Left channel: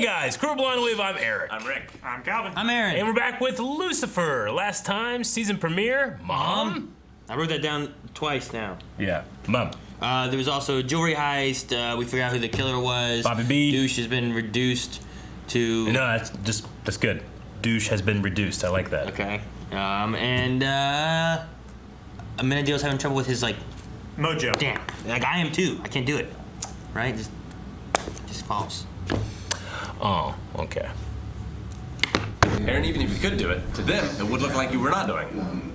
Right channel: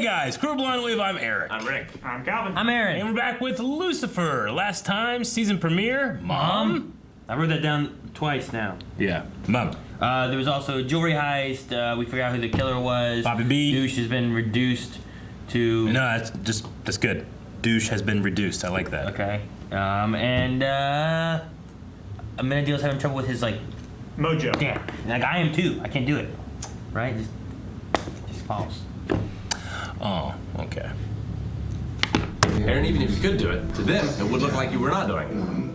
Hey guys, Crew Blonde Wave, I'm Eric. I'm Rick. I'm Calvin. I'm Aaron. And we're back with Lucifer. Last time, season premiere, Mom? I wrote that down twice now. Yeah, Mom. There was also a jewelry heist. We figured out who the killer was. Bobby B. Douche has been reduced to... No, that's good. Douche has been reduced. I like that. Okay. And Amenadiel's having trouble with his, like... Mojo. Damn. Like, I am too. I can't do it. Right? Just false. Oh, okay. Aaron, even if you could do it, to them, it would look like you were not doing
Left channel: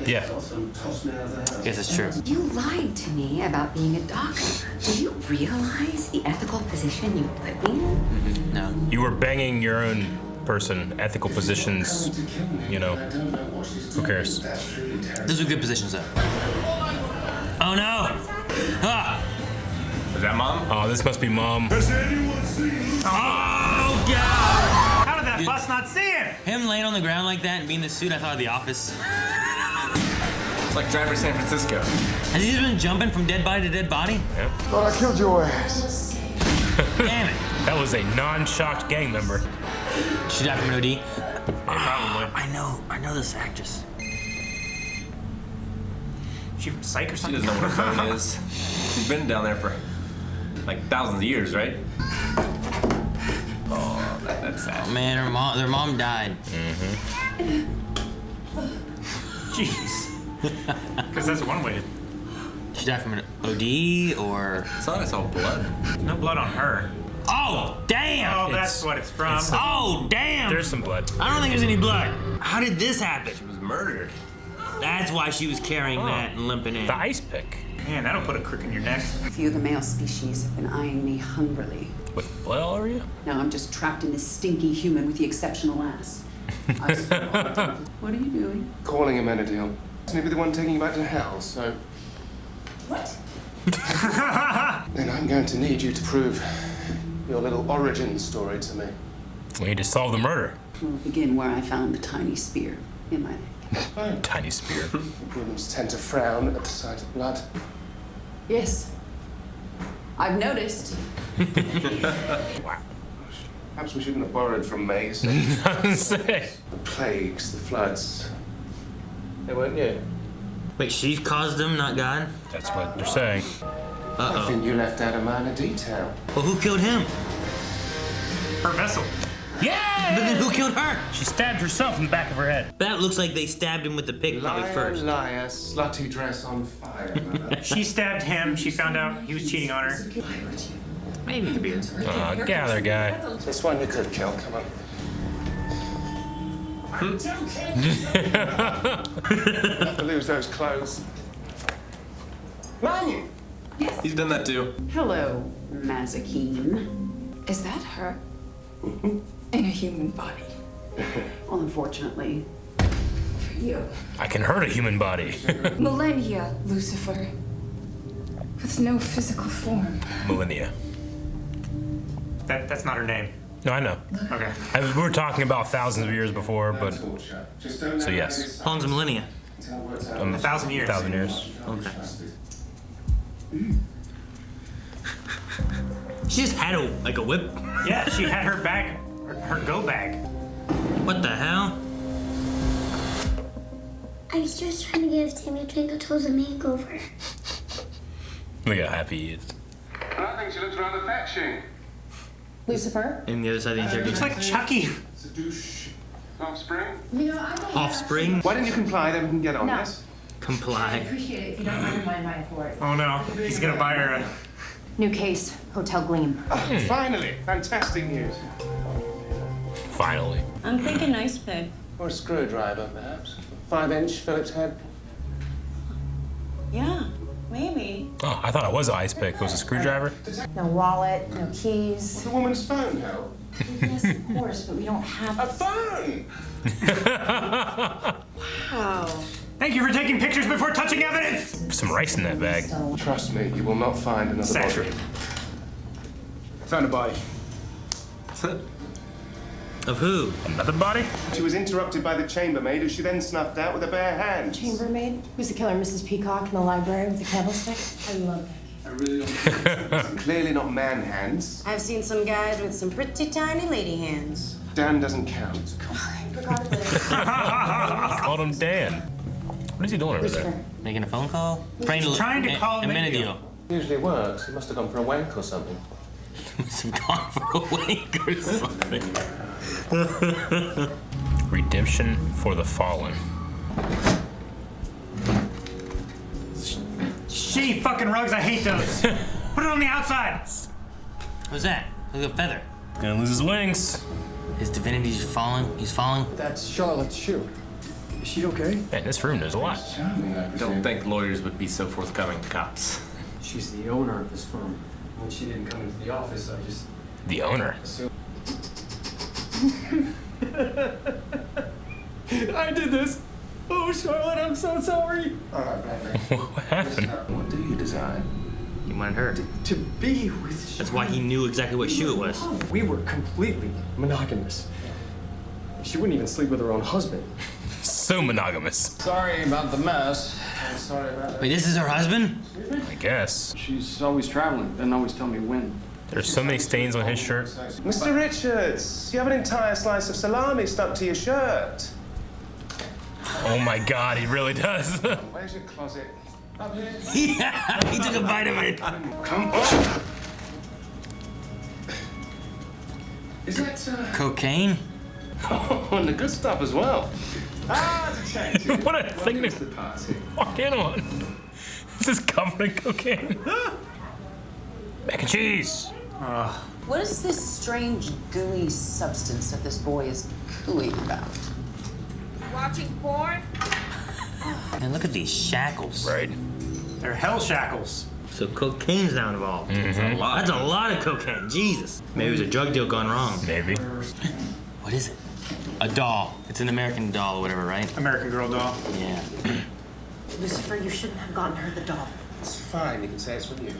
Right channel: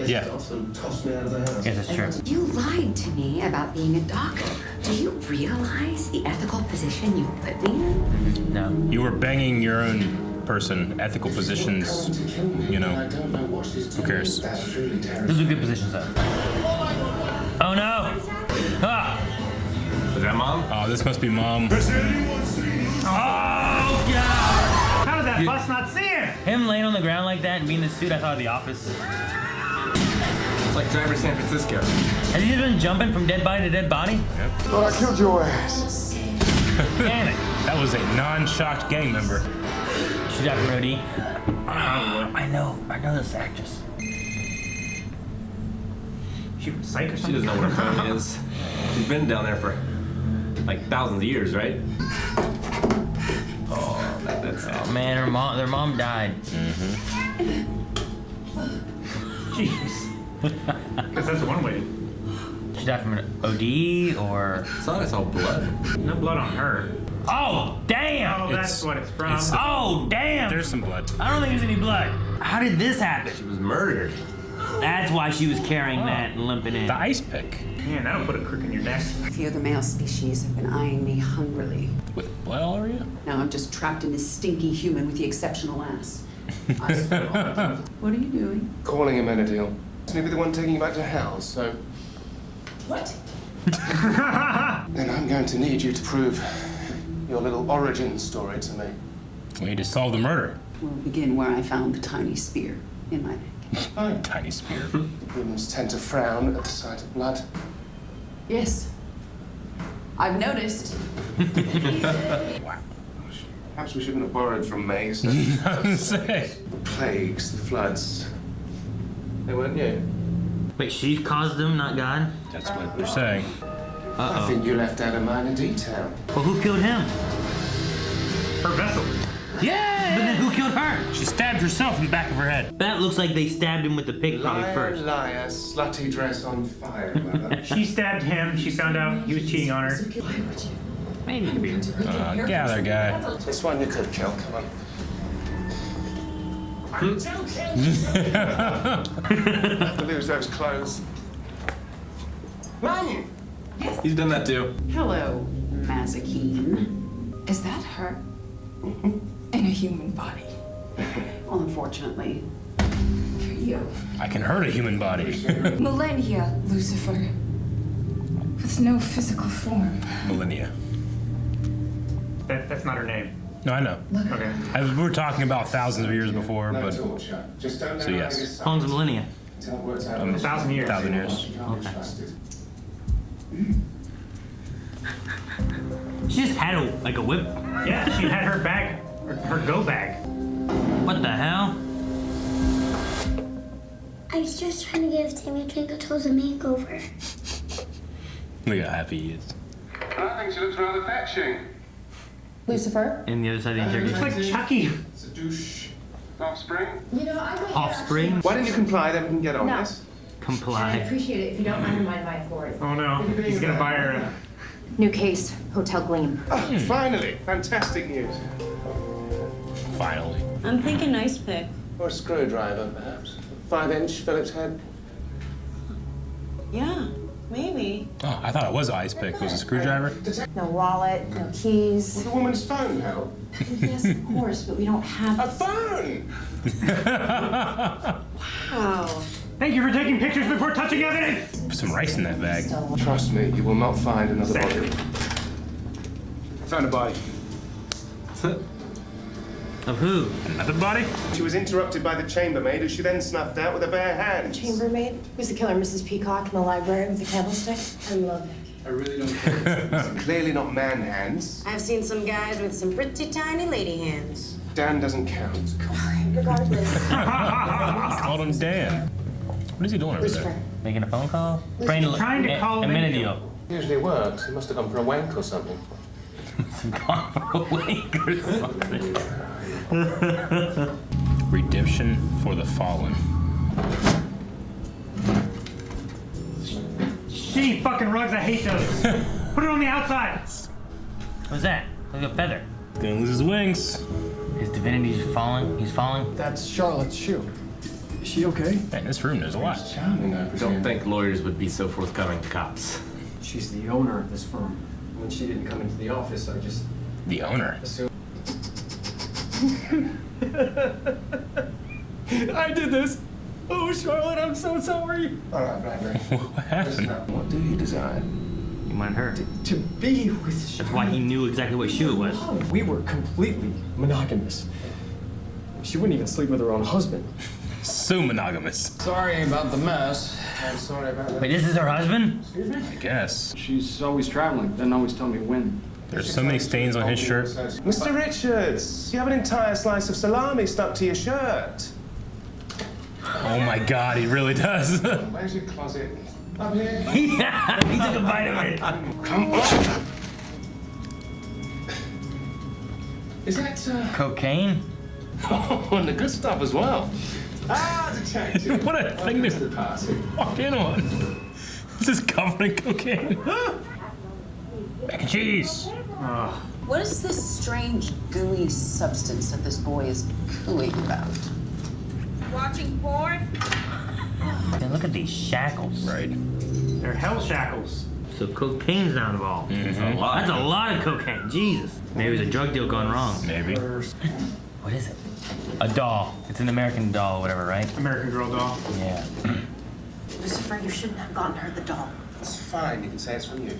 Yeah. I guess it's true. You lied to me about being a doctor. Do you realize the ethical position you put me in? No. You were banging your own person. Ethical positions, you know. Who cares? Those are good positions, though. Oh, no! Ah! Is that Mom? Oh, this must be Mom. How did that bus not see him? Him laying on the ground like that and being in the suit, I thought of The Office. It's like Driver San Francisco. Has he just been jumping from dead body to dead body? Thought I killed your ass. Damn it. That was a non-shocked gang member. Should have from OD. Probably. I know this actress. She from Psych or She something? doesn't know what a phone is. She's been down there for like thousands of years, right? Oh, that's sad. Oh man, their mom died. Jeez. Because that's one way. She died from an OD or... I thought I saw blood. No blood on her. Oh, damn! Oh, that's what it's from. Oh, damn! There's some blood. I don't think there's any blood. How did this happen? She was murdered. That's why she was carrying that and limping in. The ice pick. Man, that'll put a crick in your neck. A few of the male species have been eyeing me hungrily. With blood all over you? Now I'm just trapped in this stinky human with the exceptional ass. I swear. What are you doing? Calling him Amenadiel. Isn't he be the one taking you back to hell? So What? then I'm going to need you to prove your little origin story to me. We need to solve the murder. We'll begin where I found the tiny spear in my neck. Fine. Tiny spear. Humans tend to frown at the sight of blood. Yes. I've noticed. Wow. Perhaps we shouldn't have borrowed from Mason. Say. The plagues, the floods. They weren't you. Wait, she caused them, not God? That's what we're saying. I think you left out a minor detail. Well, who killed him? Her vessel. But then who killed her? She stabbed herself in the back of her head. That looks like they stabbed him with the pickpocket Liar, first. liar, slutty dress on fire, mother. She stabbed him. She found out he was cheating on her. Maybe the beer. Gather, guy. This one you could kill, come on. Have to lose those clothes. Mum! He's done that too. Hello, Mazakine. Is that her? In a human body. Well, unfortunately, for you. I can hurt a human body. Millennia, Lucifer. With no physical form. Millennia. That's not her name. No, I know. Okay. We were talking about thousands of years before, but Just don't so yes. How long's a millennia? 1,000 years. 1,000 years. She just had a whip. Yeah, she had her bag, her go bag. What the hell? I was just trying to give Timmy Twinkle Toes a makeover. Look how happy he is. I think she looks rather fetching. Lucifer? And the other side of the Looks like Chucky. It's a douche. Offspring? You know, I may Offspring? Why don't you comply, then we can get on No. this? Comply. appreciate it if you don't undermine my authority. Oh no, he's gonna buy her a... New case, Hotel Gleam. Oh, finally! Fantastic news. Finally. I'm thinking ice pick. Or a screwdriver, perhaps. 5-inch Phillips head. Yeah, maybe. Oh, I thought it was an ice pick. It was a screwdriver. No wallet, no keys. The woman's phone help. Yes, of course, but we don't have... A phone! Wow. Thank you for taking pictures before touching evidence! Some rice in that bag. Trust me, you will not find another body. Found a body. Of who? Another body? She was interrupted by the chambermaid, who she then snuffed out with her bare hands. Chambermaid? Who's the killer, Mrs. Peacock in the library with the candlestick? I love that I really don't care. It's clearly not man hands. I've seen some guys with some pretty tiny lady hands. Dan doesn't count. Regardless. Called him Dan. What is he doing over there? Making a phone call? trying to call a him minute in. ago. Usually works. He must have gone for a wank or something. Some gone for a wink or something. Redemption for the fallen. Shitty fucking rugs, I hate those. Put it on the outside. What's that? Like a feather. Gonna lose his wings. His divinity's falling. He's falling. That's Charlotte's shoe. Is she okay? Man, in this room there's a lot. I don't think lawyers would be so forthcoming to cops. She's the owner of this firm. When she didn't come into the office, I just The owner. assumed. I did this. Oh, Charlotte, I'm so sorry. All right, Bradley. What happened? What do you desire? You wanted her. To be with Charlotte. That's why he knew exactly what shoe it was. We were completely monogamous. She wouldn't even sleep with her own husband. So monogamous. Sorry about the mess. I'm sorry about that. Wait, this is her husband? I guess. She's always traveling, doesn't always tell me when. There's so many stains on his shirt. Mr. Richards, you have an entire slice of salami stuck to your shirt. Oh my God, he really does. Where's your closet? Up here. He took a bite of it. Come on. Is that, Cocaine? Oh, and the good stuff as well. Ah, detective. What a thing Welcome to to the party. walk in on. This is covered in cocaine. Mac and cheese. What is this strange, gooey substance that this boy is cooing about? Watching porn? And look at these shackles. Right. They're hell shackles. So cocaine's now involved. That's a lot of cocaine. Jesus. Maybe it was a drug deal gone wrong. Maybe. What is it? A doll. It's an American doll or whatever, right? American Girl doll. Yeah. Lucifer, you shouldn't have gotten her the doll. It's fine, you can say it's from you.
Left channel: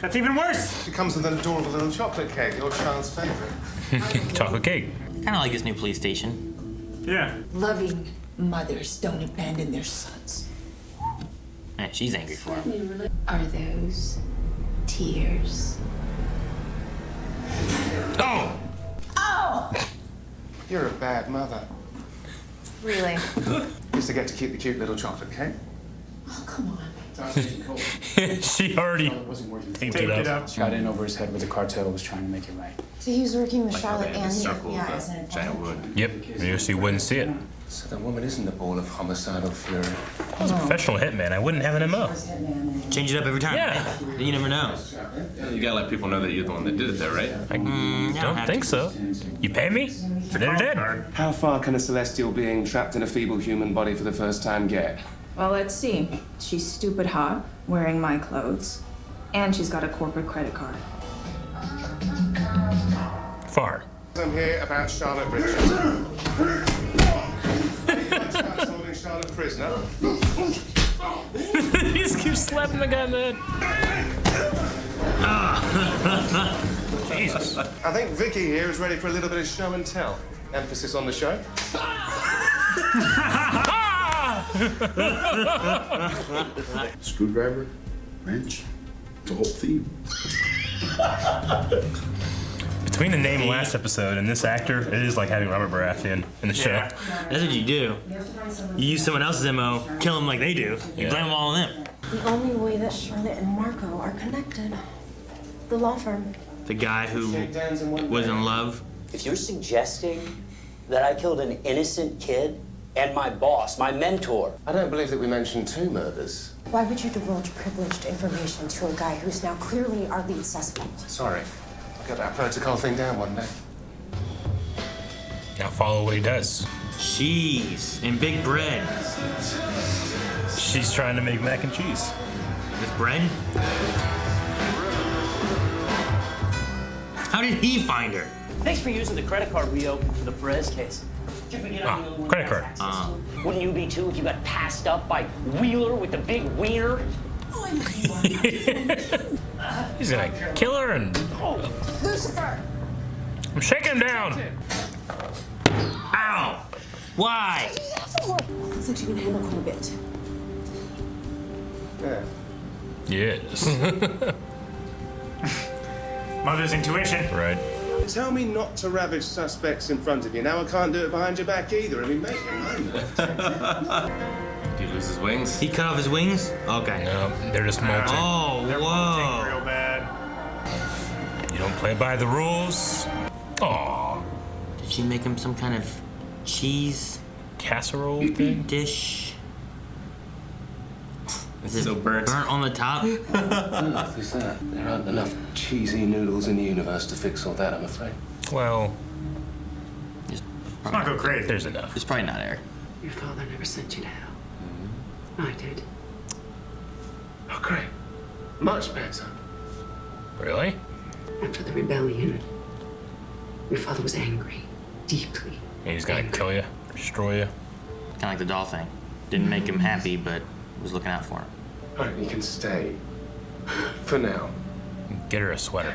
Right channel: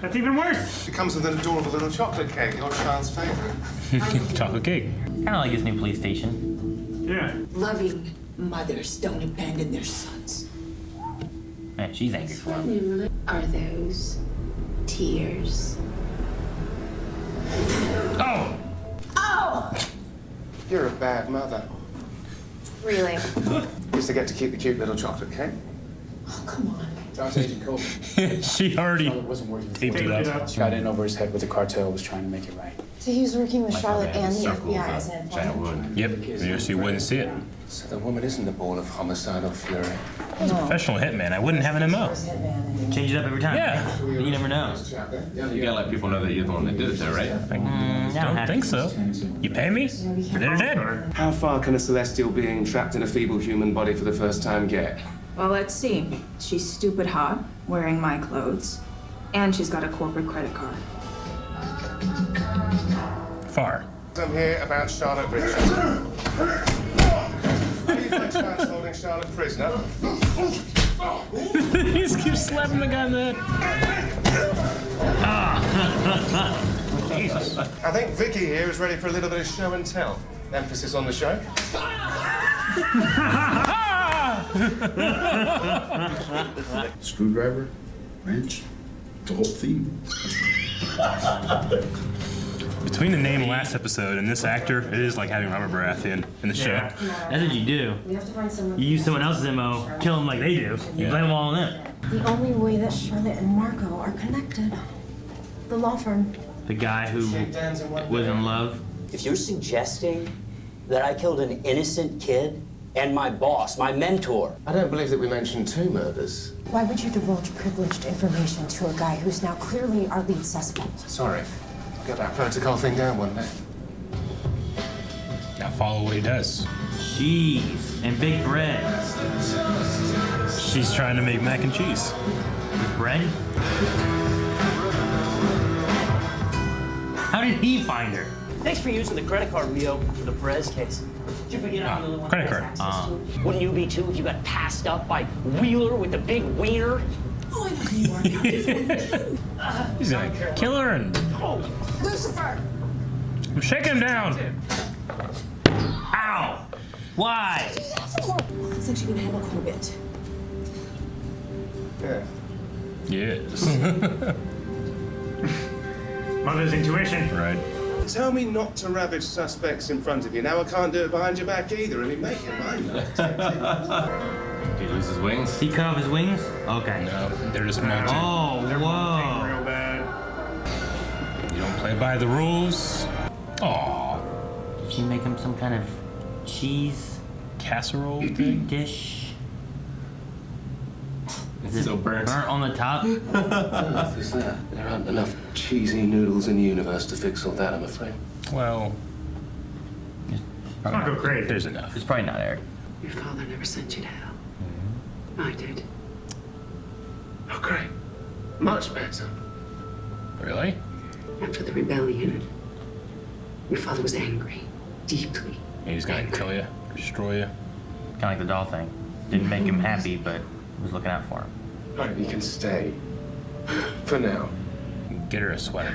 That's even worse. It comes with an adorable little chocolate cake, your child's favorite. Chocolate cake. Kind of like this new police station. Yeah. Loving mothers don't abandon their sons. Man, she's angry for him. Are those tears? Oh! Oh! You're a bad mother. Really? Used to get to keep the cute little chocolate cake. Oh, come on. She already Wasn't working. taped Take it it up. up. Got in over his head with the cartel, was trying to make it right. So he was working with Charlotte and the Circle FBI of, as an giant informant? wood. Yep. You just wouldn't see it. So the woman isn't a ball of homicidal fury. Professional hitman. I wouldn't have an MO. Change it up every time. Yeah. You never know. You gotta let people know that you're the one that did it though, right? Don't think so. You pay me? For dinner, Dad? How far can a celestial being trapped in a feeble human body for the first time get? Well, let's see. She's stupid hot, wearing my clothes, and she's got a corporate credit card. Far. I'm here about Charlotte Richards. How do you find Charlotte's holding Charlotte prisoner? He just keeps slapping the guy in the head. Jesus. I think Vicky here is ready for a little bit of show and tell. Emphasis on the show. Screwdriver, wrench, the whole theme. Between the name last episode and this actor, it is like having Robert Baratheon in the show. That's what you do. You use someone else's MO, kill them like they do. You blame them all on them. The only way that Charlotte and Marco are connected. The law firm. The guy who was in love. If you're suggesting that I killed an innocent kid and my boss, my mentor. I don't believe that we mentioned 2 murders. Why would you divulge privileged information to a guy who's now clearly our lead suspect? Sorry. I'll get that protocol thing down one day. Now follow what he does. Cheese and big bread. She's trying to make mac and cheese. With bread? How did he find her? Thanks for using the credit card we opened for the Perez case. Did you forget I'm the only one credit that card. has access to it? Wouldn't you be too if you got passed up by Wheeler with the big wiener? Oh, I know who you are. He's gonna kill her and Oh, Lucifer! I'm shaking him down. Ow! Why? Looks like she can handle quite a bit. Yeah. Yes. Mother's intuition. Right. Tell me not to ravage suspects in front of you. Now I can't do it behind your back either. I mean, make your mind up. Did he lose his wings? He cut off his wings? Okay. No, they're just molting. Oh, They're molting whoa. real bad. You don't play by the rules. Aw. Did she make him some kind of cheese Casserole thing? dish? It's so burnt. Burnt on the top? What earth is that? There aren't enough cheesy noodles in the universe to fix all that, I'm afraid. Well, Let's not go crazy. there's enough. It's probably not Eric. Your father never sent you to hell. I did. Oh, great. Much better. Really? After the rebellion, your father was angry. Deeply. And he's gonna kill you, destroy you. Kind of like the doll thing. Didn't make him happy, but was looking out for him. All right, you can stay. For now. Get her a sweater.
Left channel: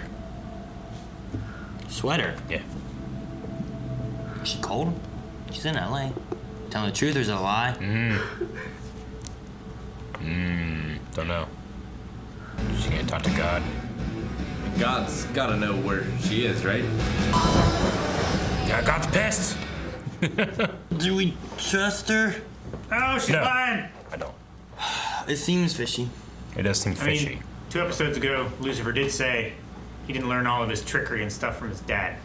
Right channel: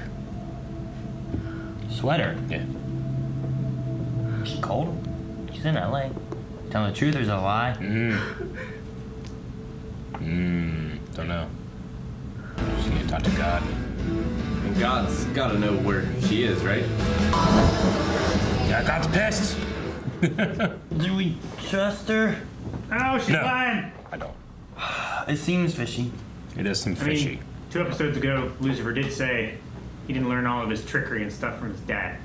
Sweater? Yeah. She cold? She's in LA. Telling the truth, there's a lie. Don't know. She can't talk to God. And God's gotta know where she is, right? God's pissed. Do we trust her? Oh, she's No. lying. I don't. It seems fishy. It does seem I fishy. mean, 2 episodes ago, Lucifer did say he didn't learn all of his trickery and stuff from his dad.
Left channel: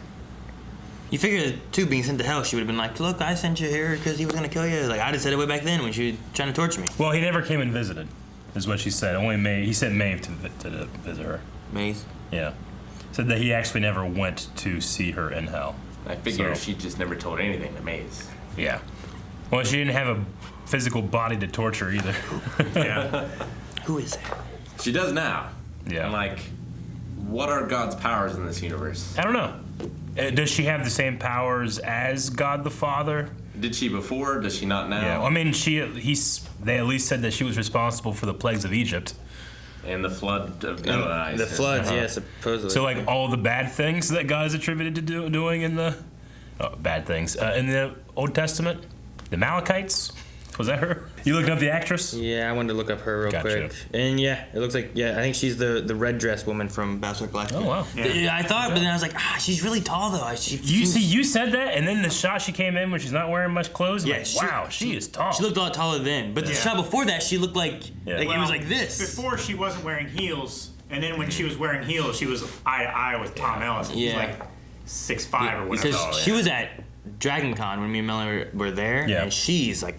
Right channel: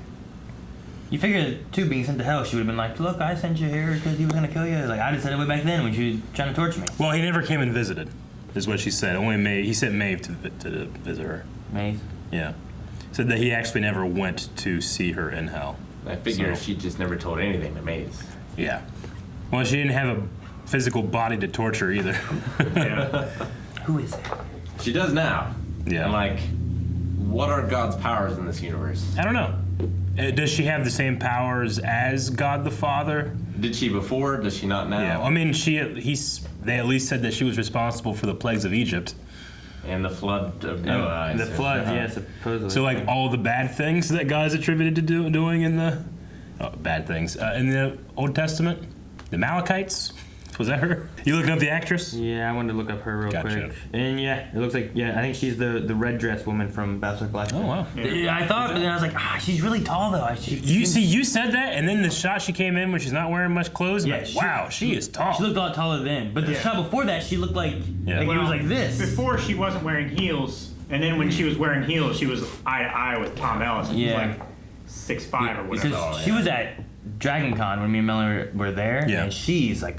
You figure, too, being sent to hell, she would have been like, look, I sent you here because he was going to kill you. Like, I'd have said it way back then when she was trying to torture me. Well, he never came and visited, is what she said. Only Maeve. He sent Maeve to visit her. Maeve? Yeah. Said that he actually never went to see her in hell. I figure So- she just never told anything to Maze. Yeah. Well, she didn't have a physical body to torture either. Yeah. Who is it? She does now. Yeah. And like, what are God's powers in this universe? I don't know. Does she have the same powers as God the Father? Did she before? Does she not now? Yeah. Well, I mean, they at least said that she was responsible for the plagues of Egypt. And the flood of Noah. The floods, yeah, supposedly. So, like, all the bad things that God is attributed to doing in the bad things in the Old Testament, the Amalekites. Was that her? You looking up the actress? Yeah, I wanted to look up her real Gotcha. quick. And yeah, it looks like, I think she's the red dress woman from Battlestar Galactica. Oh wow. Yeah, I thought, but then I was like, she's really tall though. You said that, and then the shot she came in when she's not wearing much clothes. I'm Yeah, like, wow, she is tall. She looked a lot taller then. But the shot before that, she looked like, it was like this. Before she wasn't wearing heels, and then when she was wearing heels, she was eye to eye with Tom Ellis. And he's like 6'5" or whatever. Because she was at Dragon Con when me and Melanie were there, and she's a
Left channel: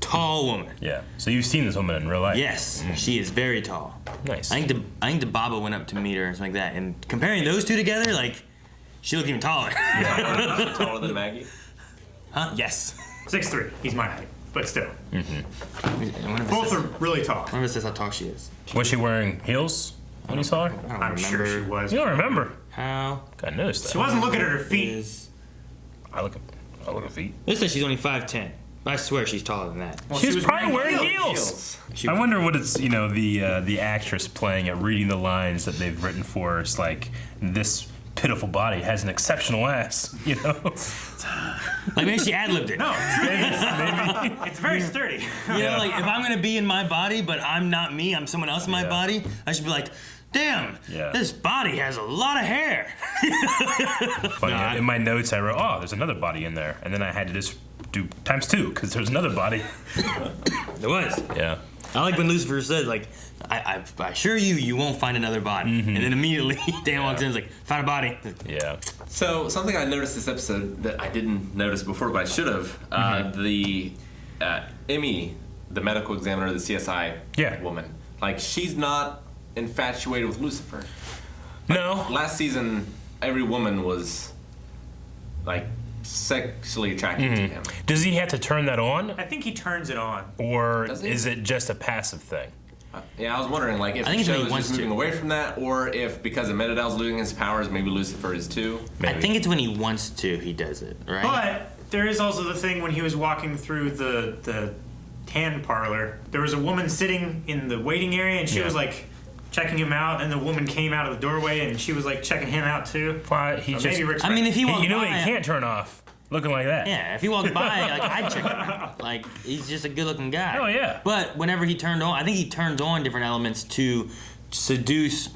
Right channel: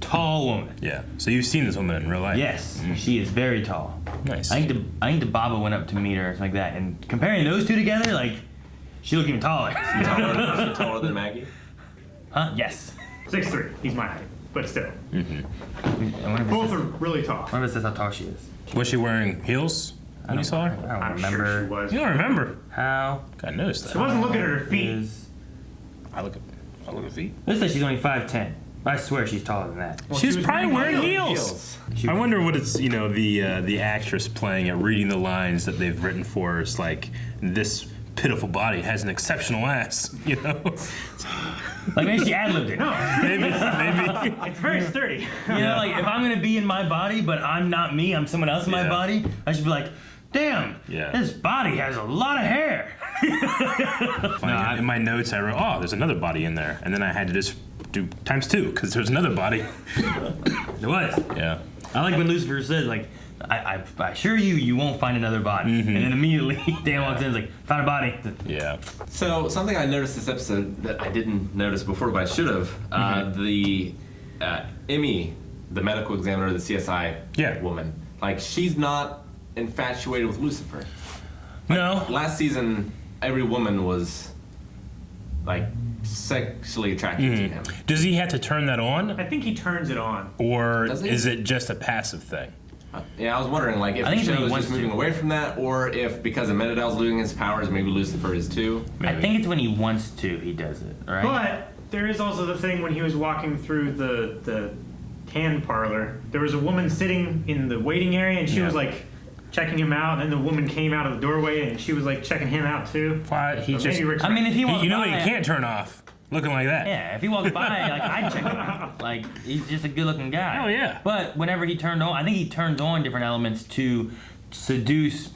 tall woman. Yeah. So you've seen this woman in real life? Yes, she is very tall. Nice. I think the Baba went up to meet her or something like that, and comparing those two together, like she looked even taller. Taller than Maggie? Huh? Yes. 6'3". He's my height, but still. Mm-hmm. Both are really tall. One of us says how tall she is. Was she wearing heels when you saw her? I'm sure she was. You don't remember? How? I noticed that. She wasn't looking at her feet. I look at feet. This says she's only 5'10". I swear she's taller than that. Well, She's she was probably wearing heels. She I was- wonder what it's, the actress playing it, reading the lines that they've written for her. It's like, this pitiful body has an exceptional ass, Like maybe she ad-libbed it. No, maybe. it's very sturdy. You know, like if I'm gonna be in my body, but I'm not me, I'm someone else in my body, I should be like, damn, this body has a lot of hair. Funny, in my notes I wrote, there's another body in there. And then I had to just do ×2 because there's another body. There was. Yeah. I like when Lucifer said, like, I assure you, you won't find another body. And then immediately Dan walks in and is like, found a body. Yeah. So something I noticed this episode that I didn't notice before, but I should have. The Emmy, the medical examiner, the CSI woman, like she's not infatuated with Lucifer. No. Last season, every woman was like sexually attracted to him. Does he have to turn that on? I think he turns it on. Or Does he? is it just a passive thing? Yeah, I was wondering, like, if I the think show he is wants just moving to. away from that, or if because Amenadal's losing his powers, maybe Lucifer is too. I think it's when he wants to, he does it, right? But there is also the thing when he was walking through the tan parlor, there was a woman sitting in the waiting area, and she was like checking him out, and the woman came out of the doorway, and she was like checking him out too. Why he Or just, maybe Rick's I mean, if he won't you know what he can't turn off? looking like that. Yeah, if he walked by, like I'd check him out. Like he's just a good-looking guy. Oh yeah. But whenever he turned on, I think he turned on different elements to seduce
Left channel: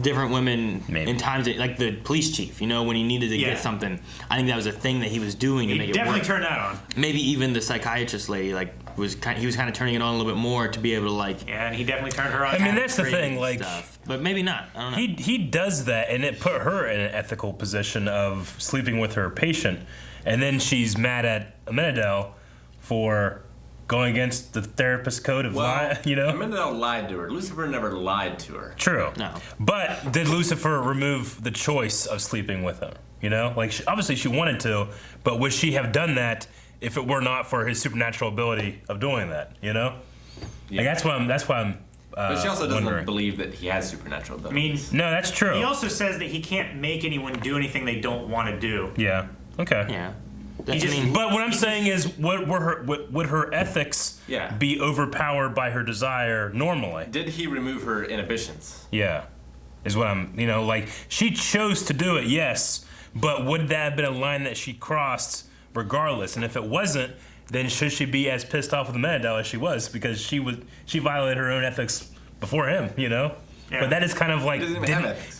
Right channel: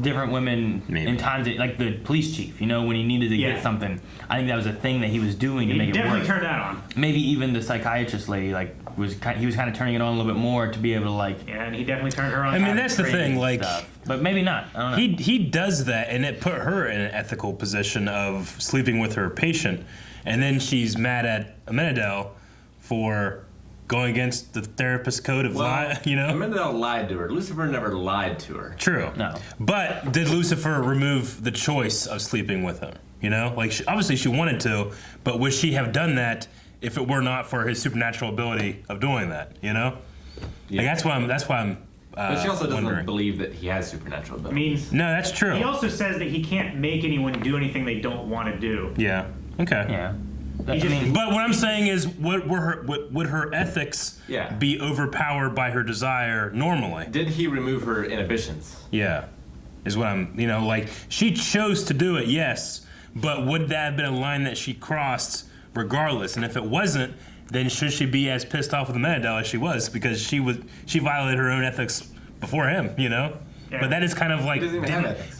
different women in times that, like the police chief, you know, when he needed to get something. I think that was a thing that he was doing to make it work. He definitely turned that on. Maybe even the psychiatrist lady, like, he was kind of turning it on a little bit more to be able to, like. Yeah, and he definitely turned her on. I mean, that's the thing, like. Stuff. But maybe not. I don't know. He does that, and it put her in an ethical position of sleeping with her patient, and then she's mad at Amenadel for going against the therapist code of lying, you know? Amenadel lied to her. Lucifer never lied to her. True. No. But did Lucifer remove the choice of sleeping with him? You know? Like, obviously she wanted to, but would she have done that if it were not for his supernatural ability of doing that, you know? Yeah. Like, that's why I'm but she also doesn't wondering. believe that he has supernatural I mean, abilities. No, that's true. He also says that he can't make anyone do anything they don't want to do. Yeah. Okay. Yeah. He just, But what I'm saying is, would her ethics be overpowered by her desire normally? Did he remove her inhibitions? Yeah, is what I'm, you know, like, she chose to do it, yes, but would that have been a line that she crossed regardless? And if it wasn't, then should she be as pissed off with Amenadel as she was, because she violated her own ethics before him, you know? Yeah. But that is kind of like,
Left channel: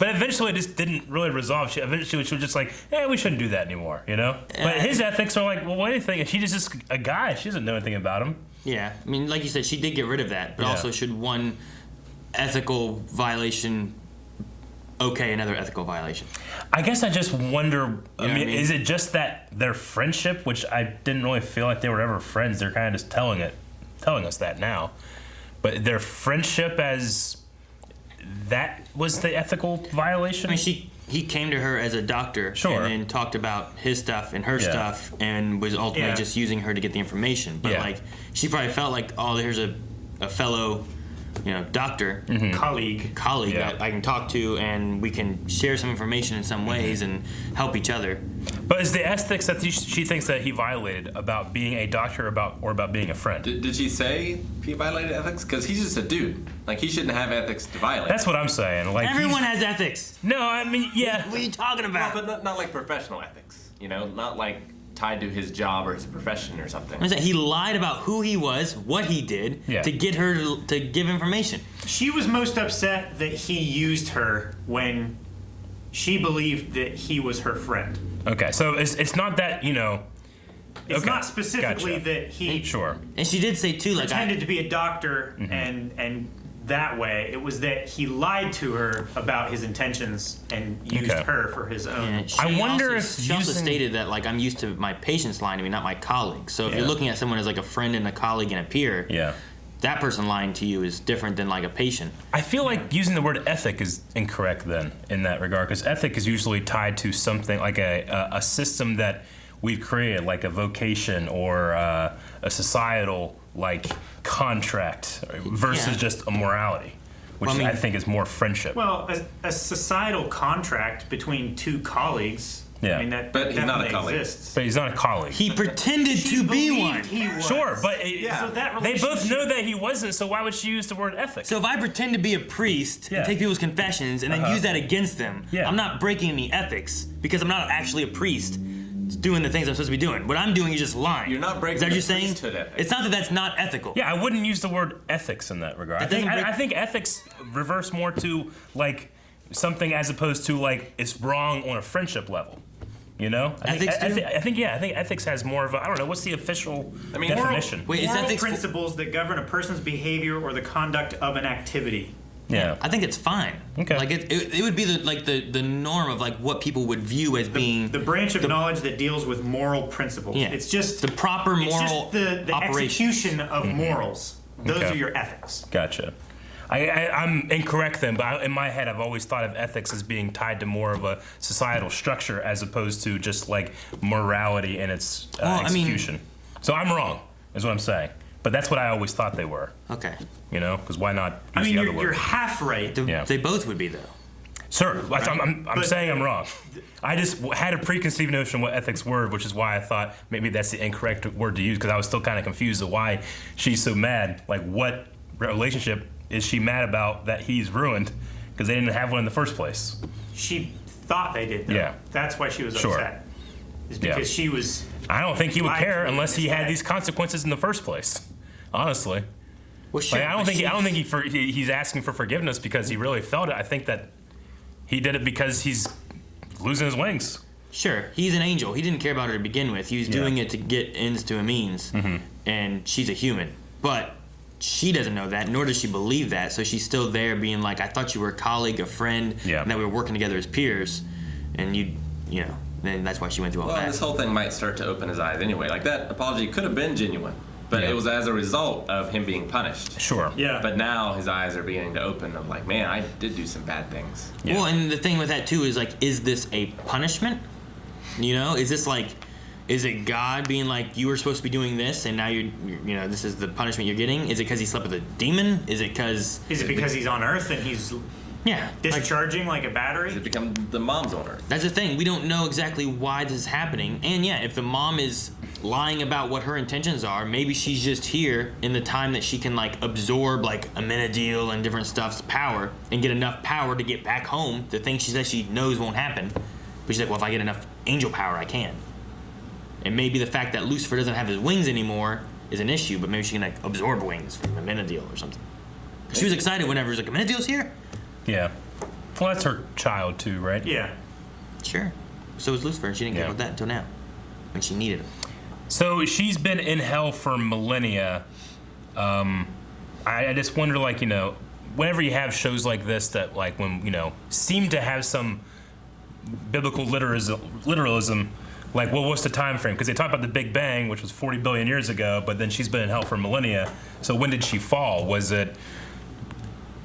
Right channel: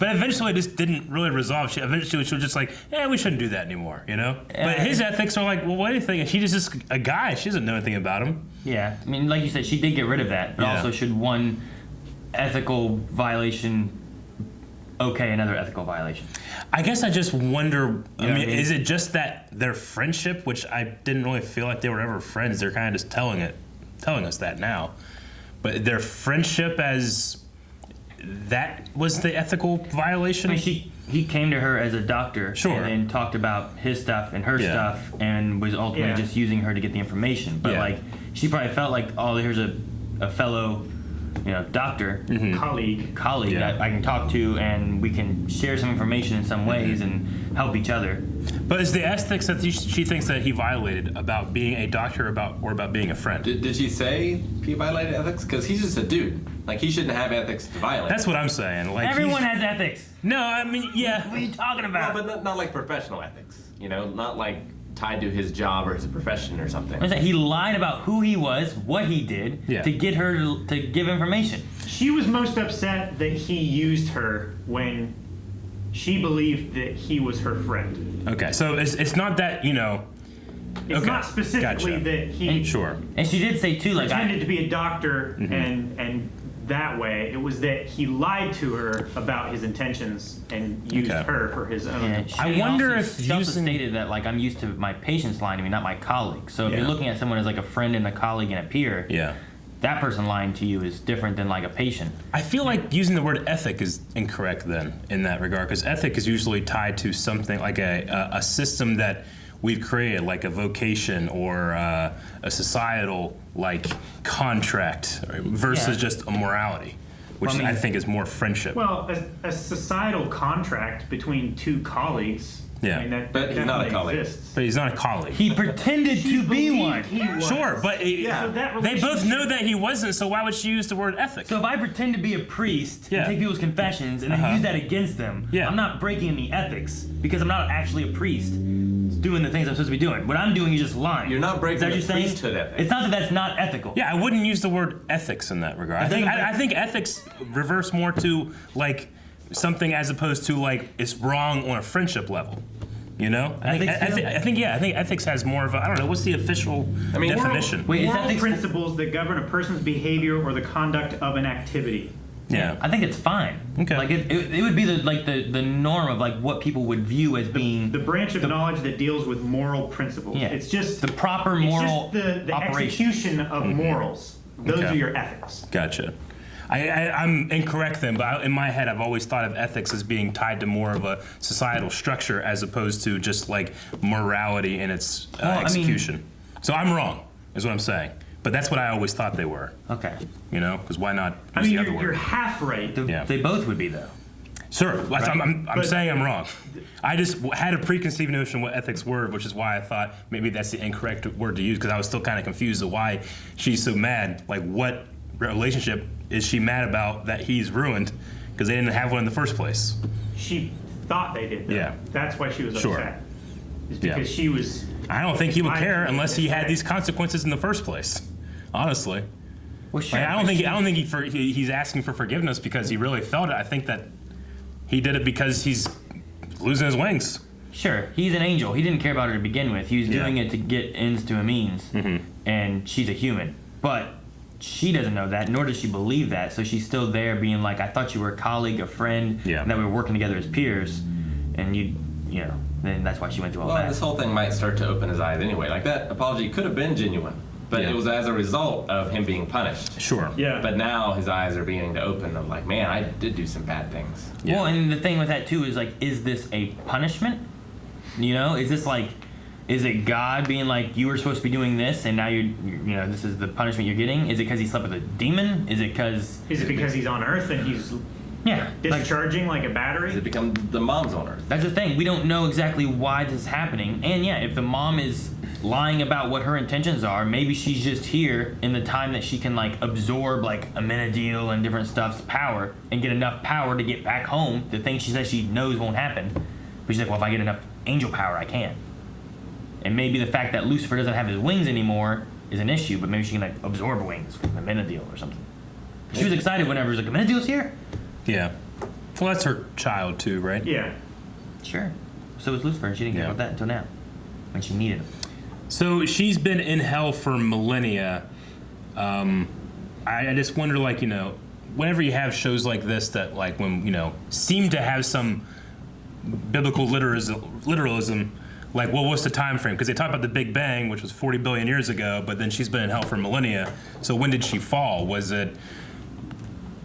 but eventually it just didn't really resolve. Eventually she was just like, we shouldn't do that anymore, you know? But his ethics are like, well, what do you think? If she's just a guy, she doesn't know anything about him. Yeah, I mean, like you said, she did get rid of that, but also should one ethical violation another ethical violation? I guess I just wonder, I mean, is it just that their friendship, which I didn't really feel like they were ever friends, they're kind of just telling us that now, but their friendship as that was the ethical violation? I mean, he came to her as a doctor and then talked about his stuff and her stuff and was ultimately just using her to get the information. But like, she probably felt like, oh, here's a fellow, you know, doctor, colleague that I can talk to, and we can share some information in some ways and help each other. But is the ethics that she thinks that he violated about being a doctor or about being a friend? Did she say he violated ethics? Because he's just a dude. Like, he shouldn't have ethics to violate. That's what I'm saying. Like, everyone has ethics. No, I mean, yeah. What are you talking about? No, but not like professional ethics. You know, not like tied to his job or his profession or something. He lied about who he was, what he did, to get her to give information. She was most upset that he used her when she believed that he was her friend. Okay, so it's not that, you know... It's not specifically that he... And she did say, too, like... pretended to be a doctor and that way. It was that he lied to her about his intentions and used her for his own. Yeah, I wonder if she also stated that, like, I'm used to my patients lying to me, not my colleagues. So if you're looking at someone as like a friend and a colleague and a peer, that person lying to you is different than like a patient. I feel like using the word ethic is incorrect then in that regard, because ethic is usually tied to something like a system that we've created, like a vocation or a societal like contract versus just a morality, which I think is more friendship. Well, a societal contract between two colleagues. Yeah. I mean, that but he's not a colleague. Exists. But he's not a colleague. He pretended to be one. He was. Sure, but so that they both know that he wasn't, so why would she use the word ethic? So if I pretend to be a priest and take people's confessions and then use that against them, I'm not breaking any ethics because I'm not actually a priest doing the things I'm supposed to be doing. What I'm doing is just lying. You're not breaking the priesthood ethics. It's not that that's not ethical. Yeah, I wouldn't use the word ethics in that regard. I think ethics reverse more to like something as opposed to like it's wrong on a friendship level. You know, I think ethics has more of a, I don't know, what's the official definition? Moral principles that govern a person's behavior or the conduct of an activity. Yeah, I think it's fine. Okay, like it would be the norm of like what people would view as being the branch of knowledge that deals with moral principles. Yeah. It's just the proper moral. It's just the execution of morals. Those are your ethics. Gotcha. I'm incorrect then, but in my head I've always thought of ethics as being tied to more of a societal structure as opposed to just like morality in its execution. So I'm wrong, is what I'm saying. But that's what I always thought they were. Okay. You know, because why not? I mean, you're half right. They both would be though. Sure, right. I'm saying I'm wrong. I just had a preconceived notion what ethics were, which is why I thought maybe that's the incorrect word to use, because I was still kind of confused of why she's so mad. Like, what relationship is she mad about that he's ruined? Because they didn't have one in the first place. She thought they did, though. Yeah. That's why she was upset. is because she was. I don't think he would care unless he had misled. these consequences in the first place. Honestly, Well, sure, like, I don't but think he's asking for forgiveness because he really felt it. I think that he did it because he's losing his wings. Sure, he's an angel. He didn't care about her to begin with. He was Yeah. doing it to get ends to a means, and she's a human. But she doesn't know that, nor does she believe that. So she's still there, being like, "I thought you were a colleague, a friend, and that we were working together as peers." And you know, and that's why she went through all Well, that. this whole thing might start to open his eyes anyway. Like, that apology could have been genuine, but it was as a result of him being punished. Sure. Yeah. But now his eyes are beginning to open of like, man, I did do some bad things. Well, and the thing with that too is like, is this a punishment? You know, is this like, is it God being like, you were supposed to be doing this, and now you know, this is the punishment you're getting? Is it because he slept with a demon? Is it because? Is it because he's on Earth and he's discharging like a battery? Does it become the mom's on Earth? That's the thing. We don't know exactly why this is happening. And yeah, if the mom is lying about what her intentions are, maybe she's just here in the time that she can like absorb like Amenadiel and different stuff's power and get enough power to get back home. The thing she says she knows won't happen. But she's like, well, if I get enough angel power, I can. And maybe the fact that Lucifer doesn't have his wings anymore is an issue, but maybe she can like absorb wings from Amenadiel or something. She was excited whenever it was like, Amenadiel's here? Yeah. Well, that's her child too, right? Yeah. Sure. So was Lucifer, and she didn't care about that until now, when she needed him. So she's been in hell for millennia. I just wonder, like, you know, whenever you have shows like this that, like, when, you know, seem to have some biblical literalism, like, well, what's the time frame? Because they talk about the Big Bang, which was 40 billion years ago, but then she's been in hell for millennia. So when did she fall? Was it?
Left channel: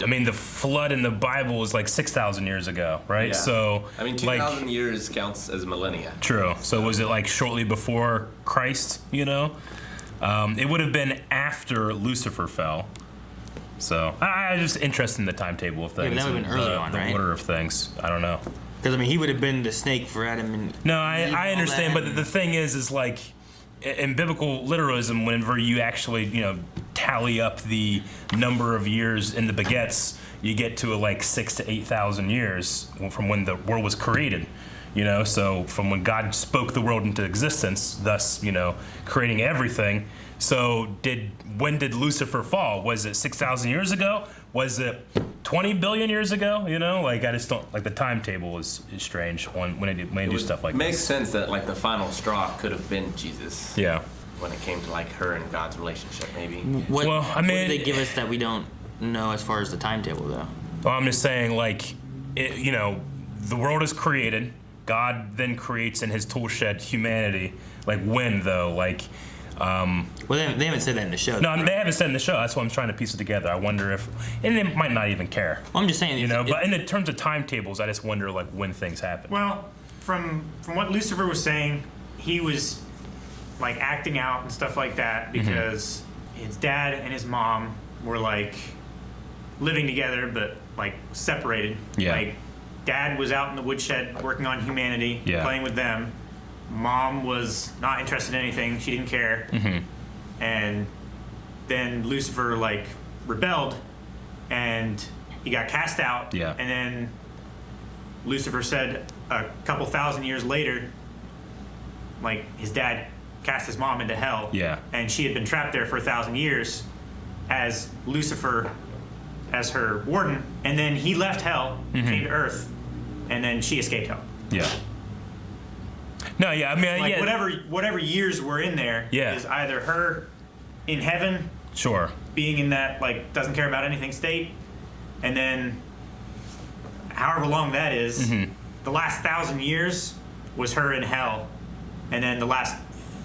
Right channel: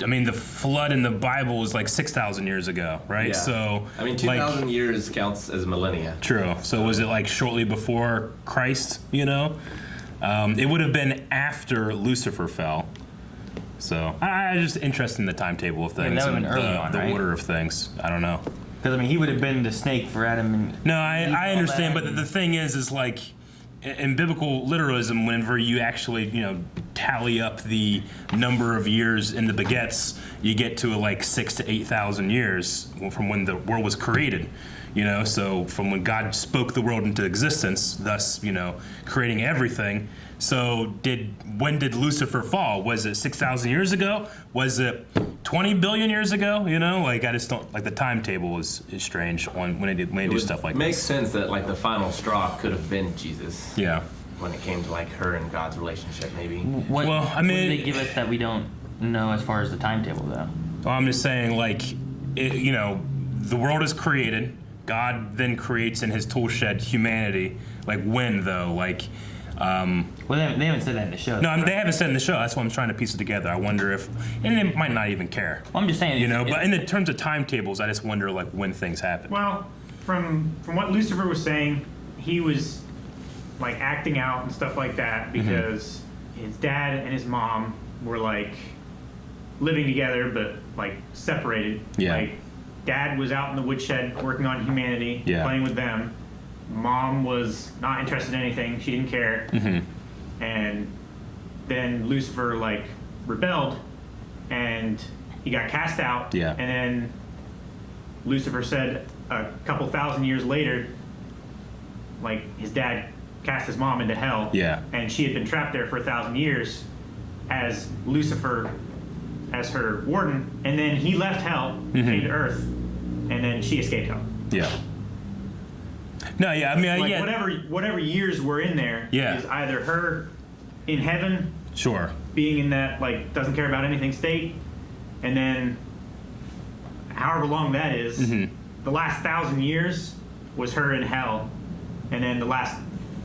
I mean, the flood in the Bible was like 6,000 years ago, right? Yeah. So I mean, 2,000 years counts as millennia. True. So was it like shortly before Christ? You know, it would have been after Lucifer fell. So I'm just interested in the timetable of things. that would have been early on, the right? order of things. I don't know. Because I mean, he would have been the snake for Adam. And no, I understand, but the thing is like in biblical literalism, whenever you actually, you know, tally up the number of years in the begets, you get to like 6,000 to 8,000 years from when the world was created. You know, so from when God spoke the world into existence, thus, you know, creating everything. So when did Lucifer fall? Was it 6,000 years ago? Was it 20 billion years ago? You know, like I just don't like the timetable is strange when they do stuff like Makes this. sense that like the final straw could have been Jesus. Yeah. When it came to like her and God's relationship, maybe. What did they give us that we don't know as far as the timetable, though? Well, I'm just saying, like, you know, the world is created. God then creates in His tool shed humanity. Like when though? Like. Well, they haven't said that in the show. No, they haven't said in the show. That's why I'm trying to piece it together. I wonder if, and they might not even care. Well, I'm just saying, you know. But in the terms of timetables, I just wonder like when things happen. Well, from what Lucifer was saying, he was like acting out and stuff like that because his dad and his mom were like living together but like separated. Yeah. Like dad was out in the woodshed working on humanity, playing with them. Mom was not interested in anything. She didn't care. And then Lucifer like rebelled and he got cast out. Yeah. And then Lucifer said a couple thousand years later, like his dad cast his mom into hell. Yeah. And she had been trapped there for 1,000 years as Lucifer as her warden. And then he left hell, came to earth, and then she escaped hell. Yeah. No, yeah, I mean, like whatever years were in there is either her in heaven, being in that like doesn't care about anything state, and then however long that is, the last 1,000 years was her in hell, and then the last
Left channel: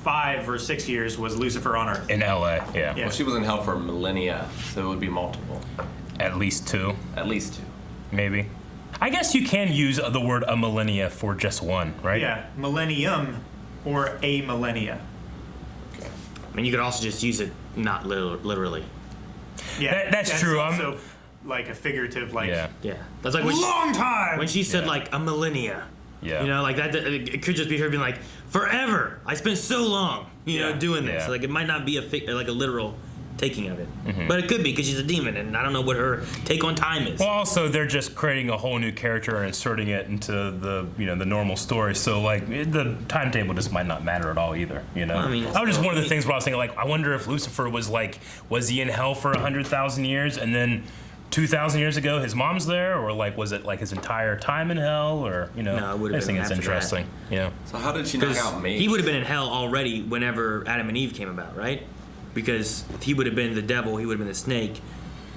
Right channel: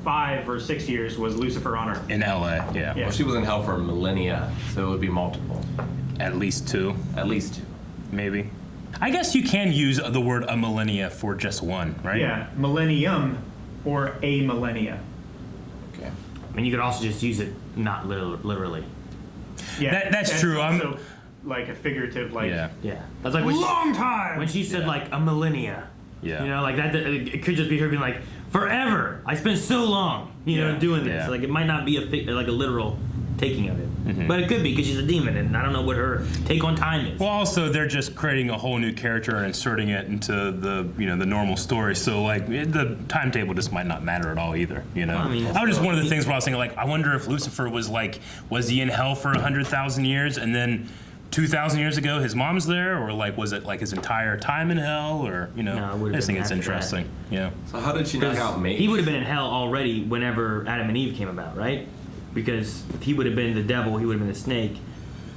5 or 6 years was Lucifer on Earth in LA. Yeah. Well, she was in hell for millennia, so it would be multiple. At least 2. At least 2. Maybe. I guess you can use the word a millennia for just one, right? Yeah, millennium or a millennia. I mean, you could also just use it not literally. Yeah, that's true. Also like a figurative, like That's like long time. When she said like a millennia, you know, like that. It could just be her being like forever. I spent so long, you know, doing this. Like it might not be like a literal taking of it. But it could be because she's a demon, and I don't know what her take on time is. Well, also they're just creating a whole new character and inserting it into the the normal story. So like the timetable just might not matter at all either. I mean, that was just one of the things where I was thinking like, I wonder if Lucifer was he in hell for 100,000 years and then 2,000 years ago his mom's there, or like was it like his entire time in hell, or I just think it's interesting. Yeah. So how did she knock out Maze? He would have been in hell already whenever Adam and Eve came about, right? Because he would have been the devil, he would have been the snake,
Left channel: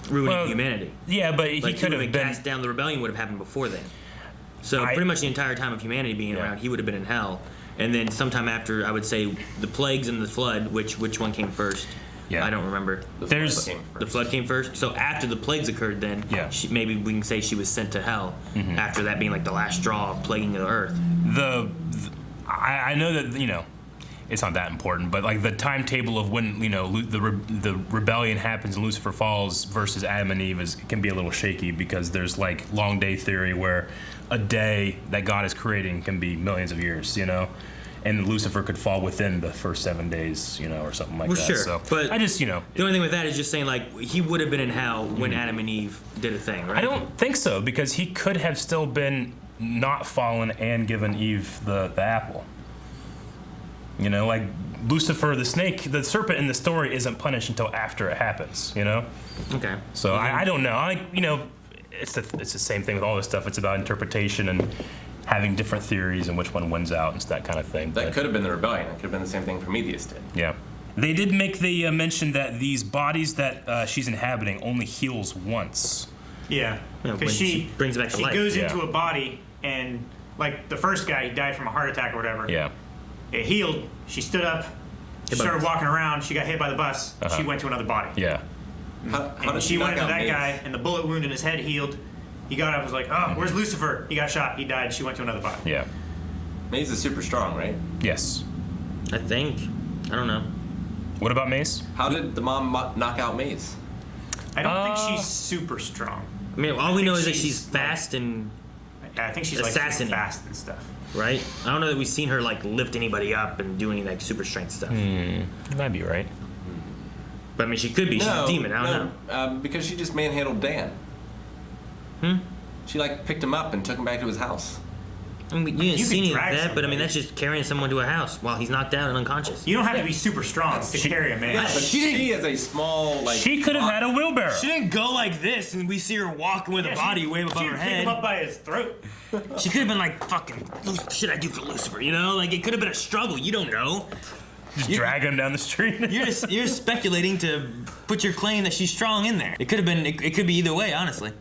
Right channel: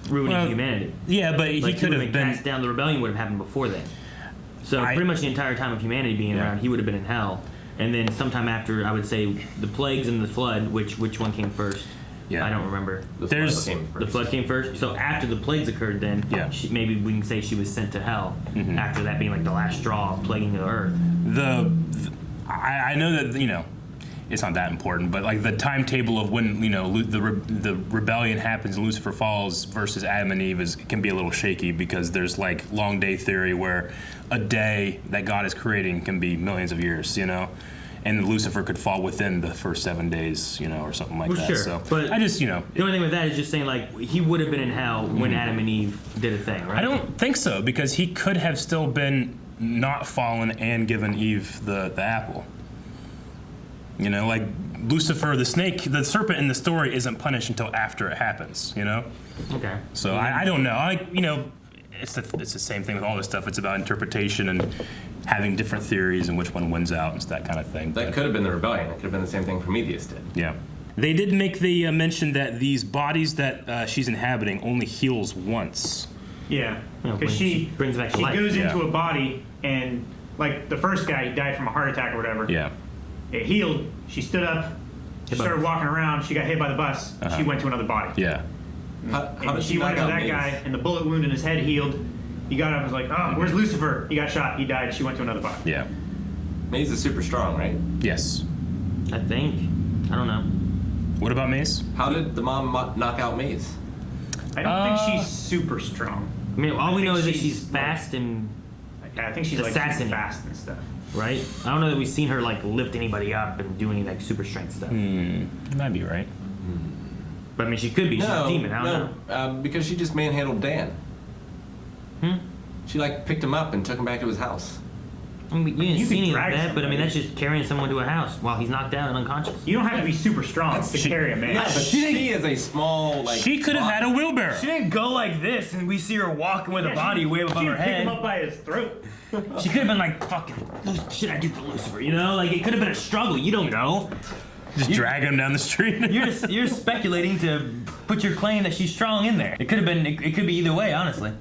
ruining humanity. Yeah, but he could have been cast down. The rebellion would have happened before then. So pretty much the entire time of humanity being around, he would have been in hell. And then sometime after, I would say, the plagues and the flood, which one came first? Yeah. I don't remember. The flood came first. So after the plagues occurred, then maybe we can say she was sent to hell. After that being like the last straw, plaguing the earth. I know that it's not that important, but like the timetable of when the rebellion happens, and Lucifer falls versus Adam and Eve can be a little shaky, because there's like long day theory where a day that God is creating can be millions of years, and Lucifer could fall within the first 7 days, or something like that. Sure, so but I just, the only thing with that is just saying like he would have been in hell when Adam and Eve did a thing, right? I don't think so, because he could have still been not fallen and given Eve the apple. Like Lucifer, the snake, the serpent in the story isn't punished until after it happens. Okay. So I don't know. It's the same thing with all this stuff. It's about interpretation and having different theories and which one wins out and that kind of thing. That could have been the rebellion. It could have been the same thing Prometheus did. Yeah. They did make the mention that these bodies that she's inhabiting only heals once. Yeah, because she brings back to life. Goes into a body, and like the first guy, he died from a heart attack or whatever. Yeah. It healed. She stood up. She started walking around. She got hit by the bus. She went to another body. Yeah. And she went into that guy, and the bullet wound in his head healed. He got up and was like, "Oh, where's Lucifer?" He got shot. He died. She went to another body. Yeah. Maze is super strong, right? Yes. I think. I don't know. What about Maze? How did the mom knock out Maze? I don't think she's super strong. I mean, all we know is that she's fast and. I think she's like super fast and stuff. Right? I don't know that we've seen her like lift anybody up and do any like super strength stuff. You might be right. But I mean, she could be. She's a demon. I don't know. Because she just manhandled Dan. She like picked him up and took him back to his house. I mean, you didn't see any of that, but I mean, that's just carrying someone to a house while he's knocked out and unconscious. You don't have to be super strong to carry a man. Yeah, but she is a small like. She could have had a wheelbarrow. She didn't go like this, and we see her walking with a body way above her head. Pick him up by his throat. She could have been like, "Fucking, what should I do for Lucifer?" Like it could have been a struggle. You don't know. Just drag him down the street. You're speculating to put your claim that she's strong in there. It could have been. It could be either way, honestly.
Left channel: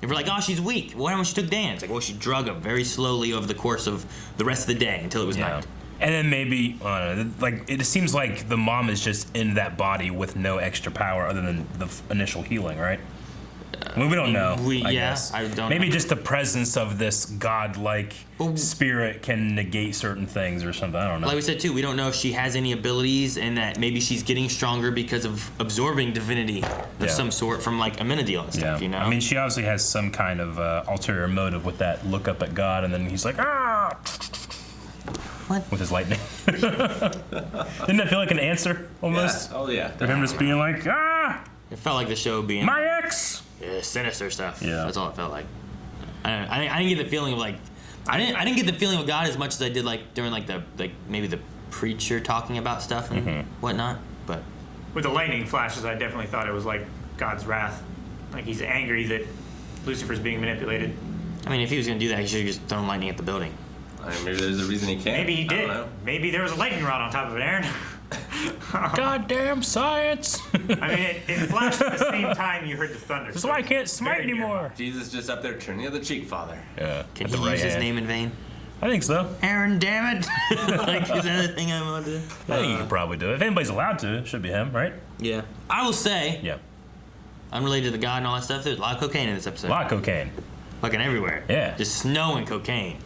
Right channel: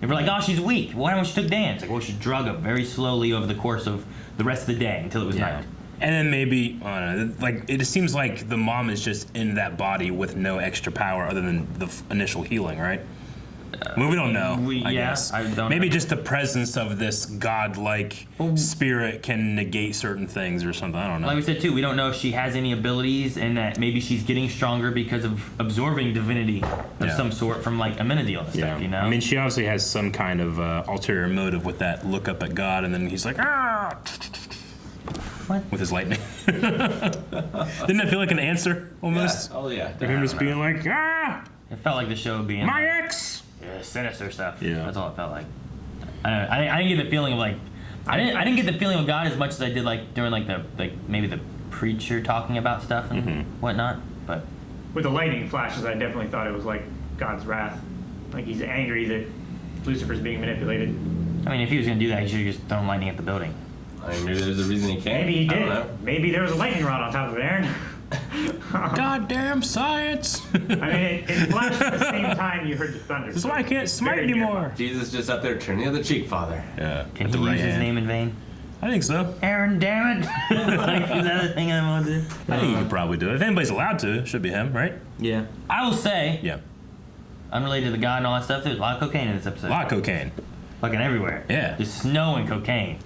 If we're like, "Oh, she's weak," why don't she took Dan? It's like, well, she drug him very slowly over the course of the rest of the day until it was knocked. And then maybe, like, it seems like the mom is just in that body with no extra power other than the initial healing, right? Well, we don't know. I guess. I don't maybe know. just the presence of this godlike spirit can negate certain things or something. I don't know. Like we said too, we don't know if she has any abilities, and that maybe she's getting stronger because of absorbing divinity of some sort from like Amenadiel and stuff. I mean, she obviously has some kind of ulterior motive with that look up at God, and then he's like, ah. What? With his lightning. Didn't that feel like an answer almost? Yeah. Oh yeah. Of him just being like, ah. It felt like the show being my ex. Sinister stuff. Yeah, that's all it felt like. I didn't get the feeling of like I didn't get the feeling of God as much as I did like during like maybe the preacher talking about stuff and whatnot. But with the lightning flashes, I definitely thought it was like God's wrath. Like he's angry that Lucifer's being manipulated. I mean, if he was gonna do that, he should have just thrown lightning at the building. I mean, maybe there's a reason he can't. Maybe he did. Maybe there was a lightning rod on top of it, Aaron. Goddamn science! I mean, it flashed at the same time you heard the thunder. That's why I can't smite anymore. Jesus just up there turning the other cheek, Father. Yeah. Can he use his name in vain? I think so. Aaron, damn it! Like, is that a thing I want to do? I think he could probably do it. If anybody's allowed to, it should be him, right? Yeah. I will say. Yeah. Unrelated to the God and all that stuff, there's a lot of cocaine in this episode. A lot of cocaine. Fucking everywhere. Yeah. Just snow and cocaine.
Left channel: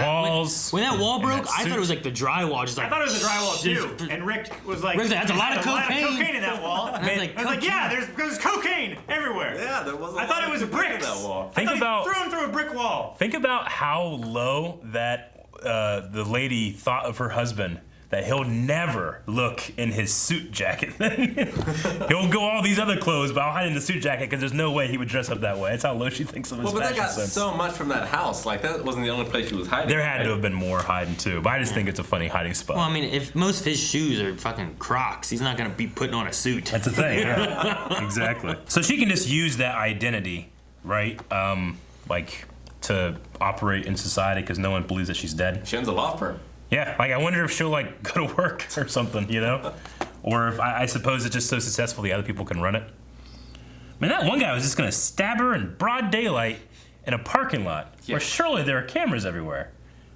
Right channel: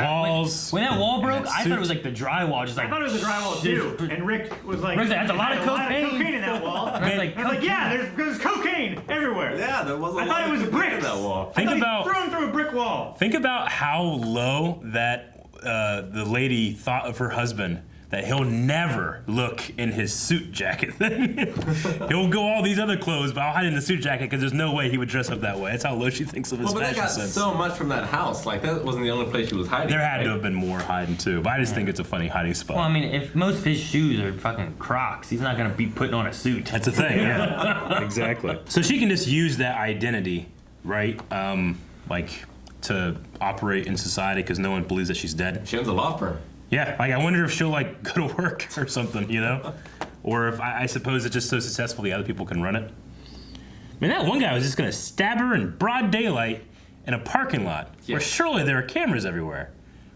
Walls. When that wall broke, I thought it was like the drywall. Just like I thought it was the drywall too. And Rick was like, Rick, that's a lot of cocaine in that wall. I was like, yeah, there's cocaine everywhere. Yeah, there was. I thought it was bricks. That wall. I thought he threw him through a brick wall. Think about how low that the lady thought of her husband. that he'll never look in his suit jacket. He'll go all these other clothes, but I'll hide in the suit jacket because there's no way he would dress up that way. That's how low she thinks of his fashion sense. Well, but that got so much from that house. Like, that wasn't the only place she was hiding. There had to have been more hiding, too. But I just think it's a funny hiding spot. Well, I mean, if most of his shoes are fucking Crocs, he's not going to be putting on a suit. That's the thing, yeah. Exactly. So she can just use that identity, right? Like, to operate in society because no one believes that she's dead. She owns a law firm. Yeah, like I wonder if she'll like go to work or something, you know? Or if I suppose it's just so successful the other people can run it. I mean, that one guy was just gonna stab her in broad daylight in a parking lot where surely there are cameras everywhere.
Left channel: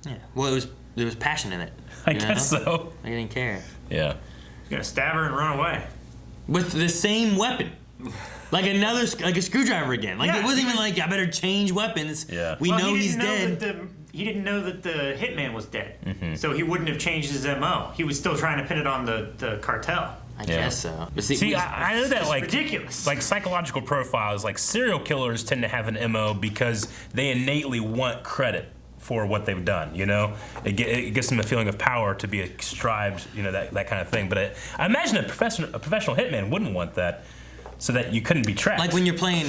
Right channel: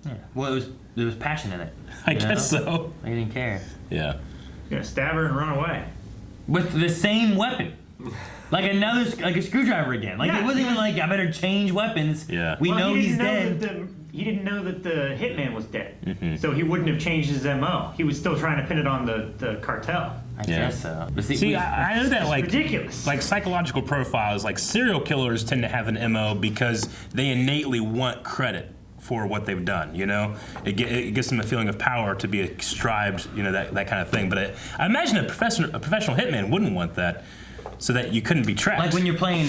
Yeah, well, there was passion in it. I guess so. I didn't care. Yeah. He's gonna stab her and run away. With the same weapon. Like a screwdriver again. Like it wasn't even like I better change weapons. Yeah. We know he's dead. He didn't know that the hitman was dead, so he wouldn't have changed his MO. He was still trying to pin it on the cartel. I guess so. But see, I know that like ridiculous. Like psychological profiles, like serial killers tend to have an MO because they innately want credit for what they've done. You know, it gives them a feeling of power to be ascribed. You know, that kind of thing. But I imagine a professional hitman wouldn't want that. So that you couldn't be tracked. Like when you're playing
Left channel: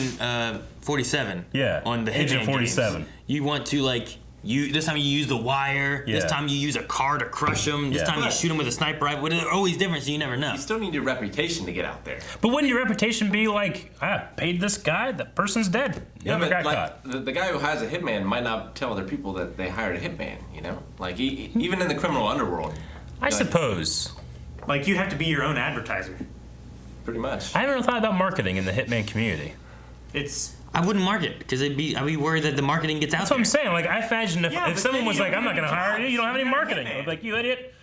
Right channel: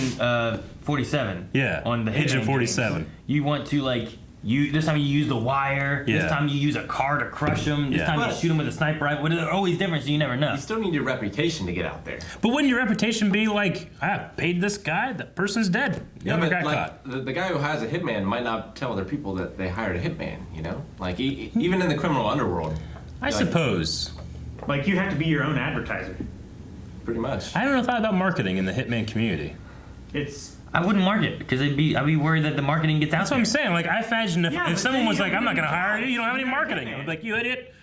47. Yeah. On the Hitman 47. Games, you want to like this time you use the wire. Yeah. This time you use a car to crush them. This time you shoot them with a sniper rifle. They're always different, so you never know. You still need your reputation to get out there. But wouldn't your reputation be like, I paid this guy, that person's dead. Never got caught. The guy who hires a hitman might not tell other people that they hired a hitman. You know, like even in the criminal underworld. I suppose. Like you have to be your own advertiser. Pretty much. I never thought about marketing in the hitman community. I wouldn't market because I'd be worried that the marketing gets out there. That's what I'm saying. Like I imagine if someone was like, I'm not going to hire you, you don't have any marketing. I'd be like, you idiot.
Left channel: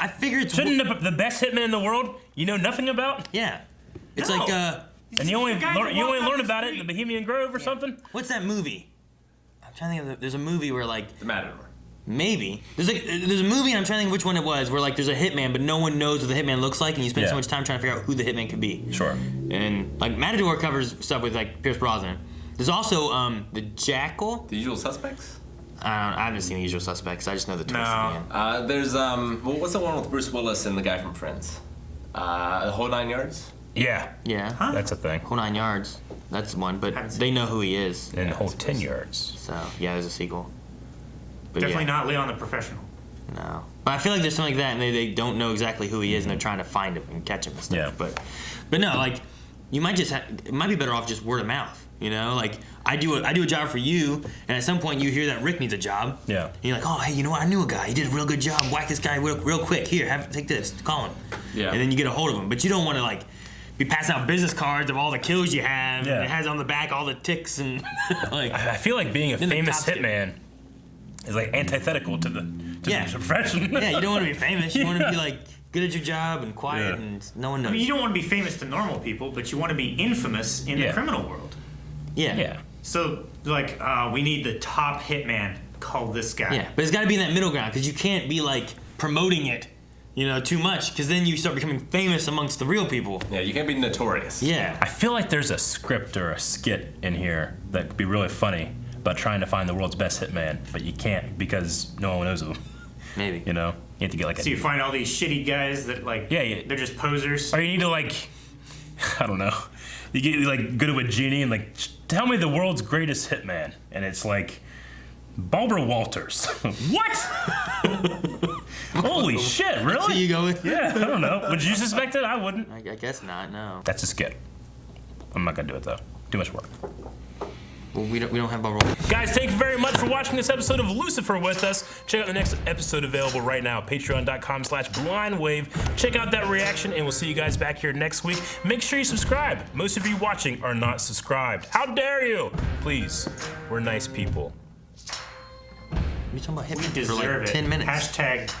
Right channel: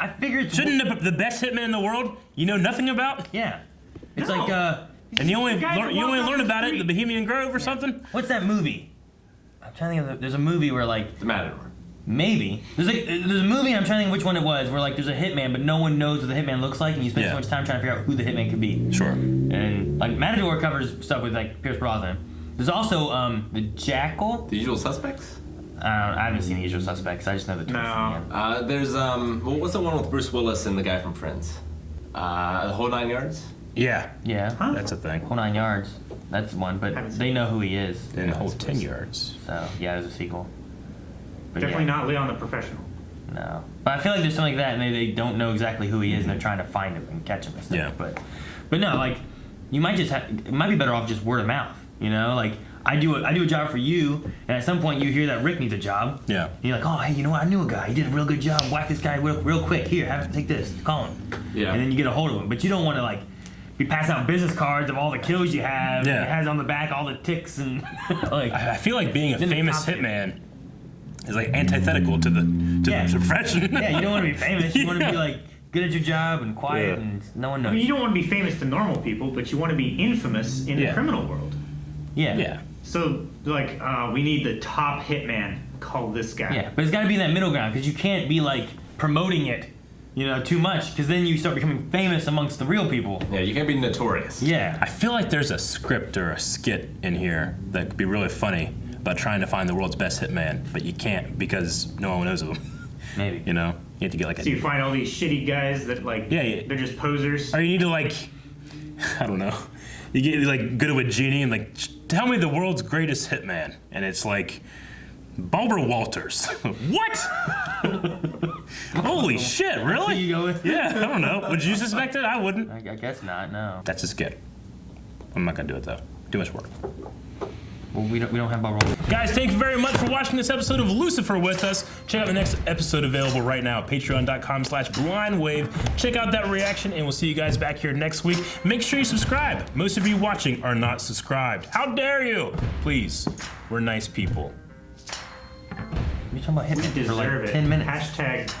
I figured shouldn't the best hitman in the world you know nothing about? Yeah. It's like and you only learn about it in the Bohemian Grove or something. What's that movie? I'm trying to think of there's a movie where like The Matador. Maybe there's a movie and I'm trying to think which one it was where like there's a hitman but no one knows what the hitman looks like and you spend so much time trying to figure out who the hitman could be. Sure. And like Matador covers stuff with like Pierce Brosnan. There's also the Jackal. The Usual Suspects. I haven't seen The Usual Suspects. I just know the twist. No. There's what's the one with Bruce Willis and the guy from Friends? The Whole 9 Yards. Yeah. Yeah. Huh? That's a thing. Whole 9 Yards. That's one, but they know who he is. And Whole 10 Yards. So yeah, there's a sequel. But definitely not Leon the Professional. No. But I feel like there's something like that and they don't know exactly who he is and they're trying to find him and catch him and stuff. Yeah. But no, like you might just it might be better off just word of mouth. You know, like I do a job for you, and at some point you hear that Rick needs a job. Yeah. And you're like, oh, hey, you know what? I knew a guy. He did a real good job. Whack this guy real quick. Here, take this. Call him. Yeah. And then you get a hold of him. But you don't want to like be passing out business cards of all the kills you have. Yeah. And it has on the back all the ticks and like. I feel like being a famous hitman is like antithetical to the profession. Yeah, you don't want to be famous. You want to be like good at your job and quiet and no one knows. I mean, you don't want to be famous to normal people, but you want to be infamous in the criminal world. Yeah. Yeah. So, like, we need the top hitman. Call this guy. Yeah, but it's got to be in that middle ground because you can't be like promoting it, you know, too much because then you start becoming famous amongst the real people. Yeah, you can't be notorious. Yeah. I feel like there's a script or a skit in here that could be really funny about trying to find the world's best hitman, but you can't because no one knows of him. Maybe. You know, you have to get like. So you find all these shitty guys that like. Yeah. They're just posers. Or you need to like, I don't know. You get like good with Genie and like, tell me the world's greatest hitman, and it's like, Barbara Walters. What? Holy shit! Really? That's who you go with? Yeah, I don't know. Would you suspect it? I wouldn't. I guess not. No. That's a skit. I'm not gonna do it though. Too much work. Well, we don't have Barbara. Guys, thank you very much for watching this episode of Lucifer with us. Check out the next episode available right now at patreon.com/blindwave. Check out that reaction, and we'll see you guys back here next week. Make sure you subscribe. Most of you watching are not subscribed. How dare you? Please, we're nice people. You're talking about hitting deserve for like it. 10 minutes. Hashtag